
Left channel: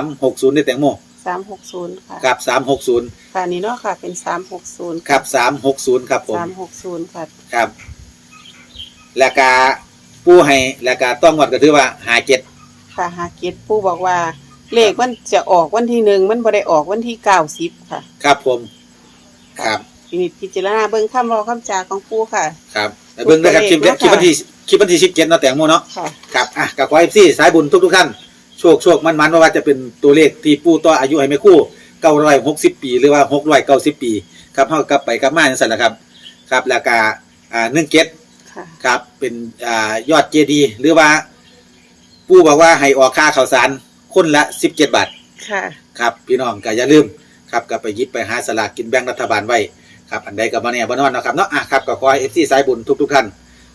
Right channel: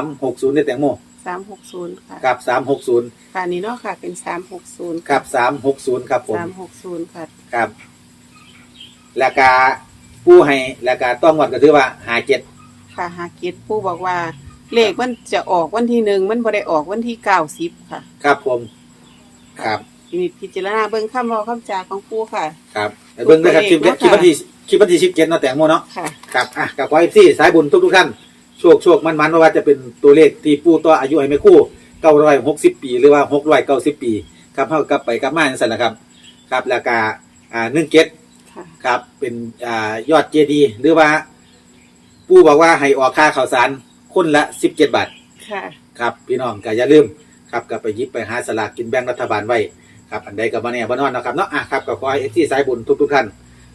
360ในแตงโม สามหกศูนย์ค่ะครับ360ค่ะนี่เนาะค่ะ เป็นสามหกศูนย์ครับ360ครับผมสามหกศูนย์ค่ะครับ แล้วก็ปู่ให้แล้วก็ต้องงวดก็ถือว่า57ค่ะหาเกตปูบอกว่า เลขมันจะออกวันที่หนึ่งมันบ่ได้ออกวันที่เก้าสิบค่ะครับผม ครับมีพิจารณาเบิ่งคำเว้าคำจาของปูค่ะ ครับแต่เบิ่งนะครับคลิปตัวเลขคลิปวันที่คลิปวันที่17เนาะแตงโมเนาะค่ะ ครับอะกับขอ FC สายบุญทุกๆท่าน โชคโชคมันๆไม่ว่าจะเป็นตัวเลขที่ปู่ต่ออายุให้แม่คู่960ปี หรือว่า690ปี ครับเฮากลับไปกลับมาจังซั่นแหละครับ ครับแล้วก็อ่า17ค่ะครับเป็นอ่ายอดเจดีย์หรือว่าปู่บอกว่าให้ออกค่าข้าวสารคนละ17บาทค่ะครับพี่น้องก็อย่าลืมครับก็ไปหยิบไปหาสลากกินแบ่งรัฐบาลไว้ครับอันใดก็บ่แน่บ่นอนเนาะครับเนาะอะครับก็ขอให้ FC สายบุญทุกๆท่าน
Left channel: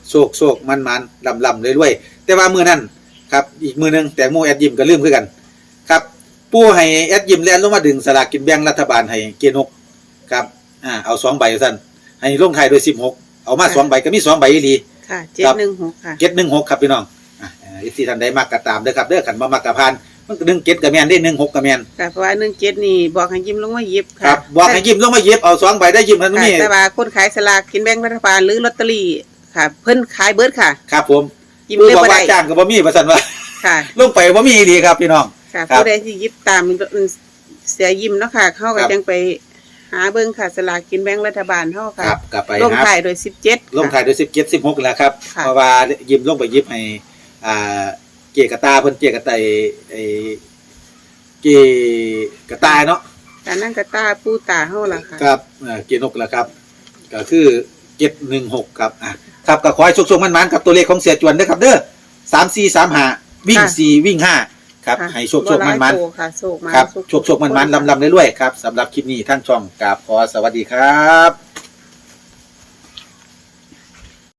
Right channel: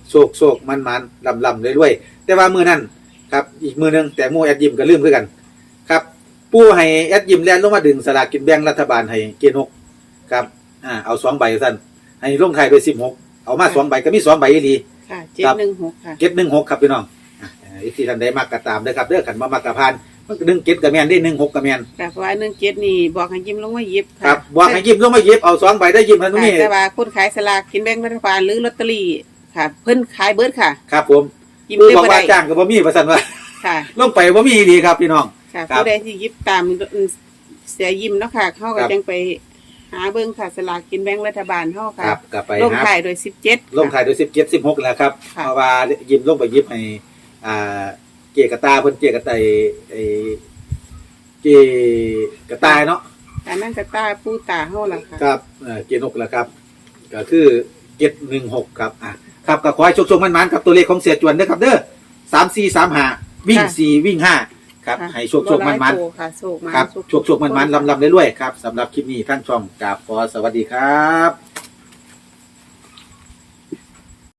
โชคโชคมันมันลำลำรวยๆแต่ว่ามือนั้น ครับอีกมือหนึงแต่หมู่แอดยิมก็ลืมคือกัน ครับ ปู่ให้แอดยิมแลนลงมาดึงสลากกินแบ่งรัฐบาลให้เกณฑ์หกครับอ่าเอาสองใบซั่นให้ลงท้ายด้วย16เอามาสองใบก็มีสองใบอีหลีค่ะเจ็ดหนึ่งหกค่ะเก็ด16ครับพี่น้องอะเอฟซีท่านใดมักก็ตามเด้อครับเด้อกันบ่มักก็ผ่านมันก็1เก็ดก็แม่นได้16ก็แม่นค่ะเพราะว่าหนึ่งเจ็ดนี่บอกให้ยิ้มลงมาหยิบคค่ะรับบอกให้ยิ้มลงมาเย็บเอาสองใบได้ยิ้มทันค่ะนี้แต่ว่าคนขายสลากกินแบ่งรัฐบาลหรือลอตเตอรี่ค่ะ เพิ่นขายเบิร์ดค่ะ ครับผม ยิ้มผู้เลยบอกบ่ว่าได้จ้างก็บ่มีว่าซั่นว่าค่ะ ลงไปบ่มีดีครับพี่น้อง ค่ะครับผู้ใดที่หยิบตามเสียยิ้มเนาะค่ะเขาก็ครับจังไปหาเบิ่งค่ะสลากกินแบ่งรัฐบาลเฮาคค่ะรับกลับไปลงหาท้ายโดยสิบเจ็ดลงถ่ายด้วย17 16แล้วครับค่ะ เพราะว่ายิ้มลงไปยิบให้อ่าเจกะตาเพิ่นเจกะไตไอ้เจกะตาเนาะแต่นั่นก็ตาปูตาเฮาล่ะค่ะ ครับเอ่อเจนกแล้วครับ ก็คือ716ครับอะ ครับก็ขอให้โชคๆมันๆกับตัวเลขของเสียจวนเด้อครับเด้อ3435วิ่งสี่วิ่งห้าครับค่ะให้โชคๆมันๆบ่หลายโตค่ะโชคมาครับสุขโชคโชคมันมันลำลำเรื่อยๆครับสำหรับคลิปนี้ท่านช่องกราบขอสวัสดีครับ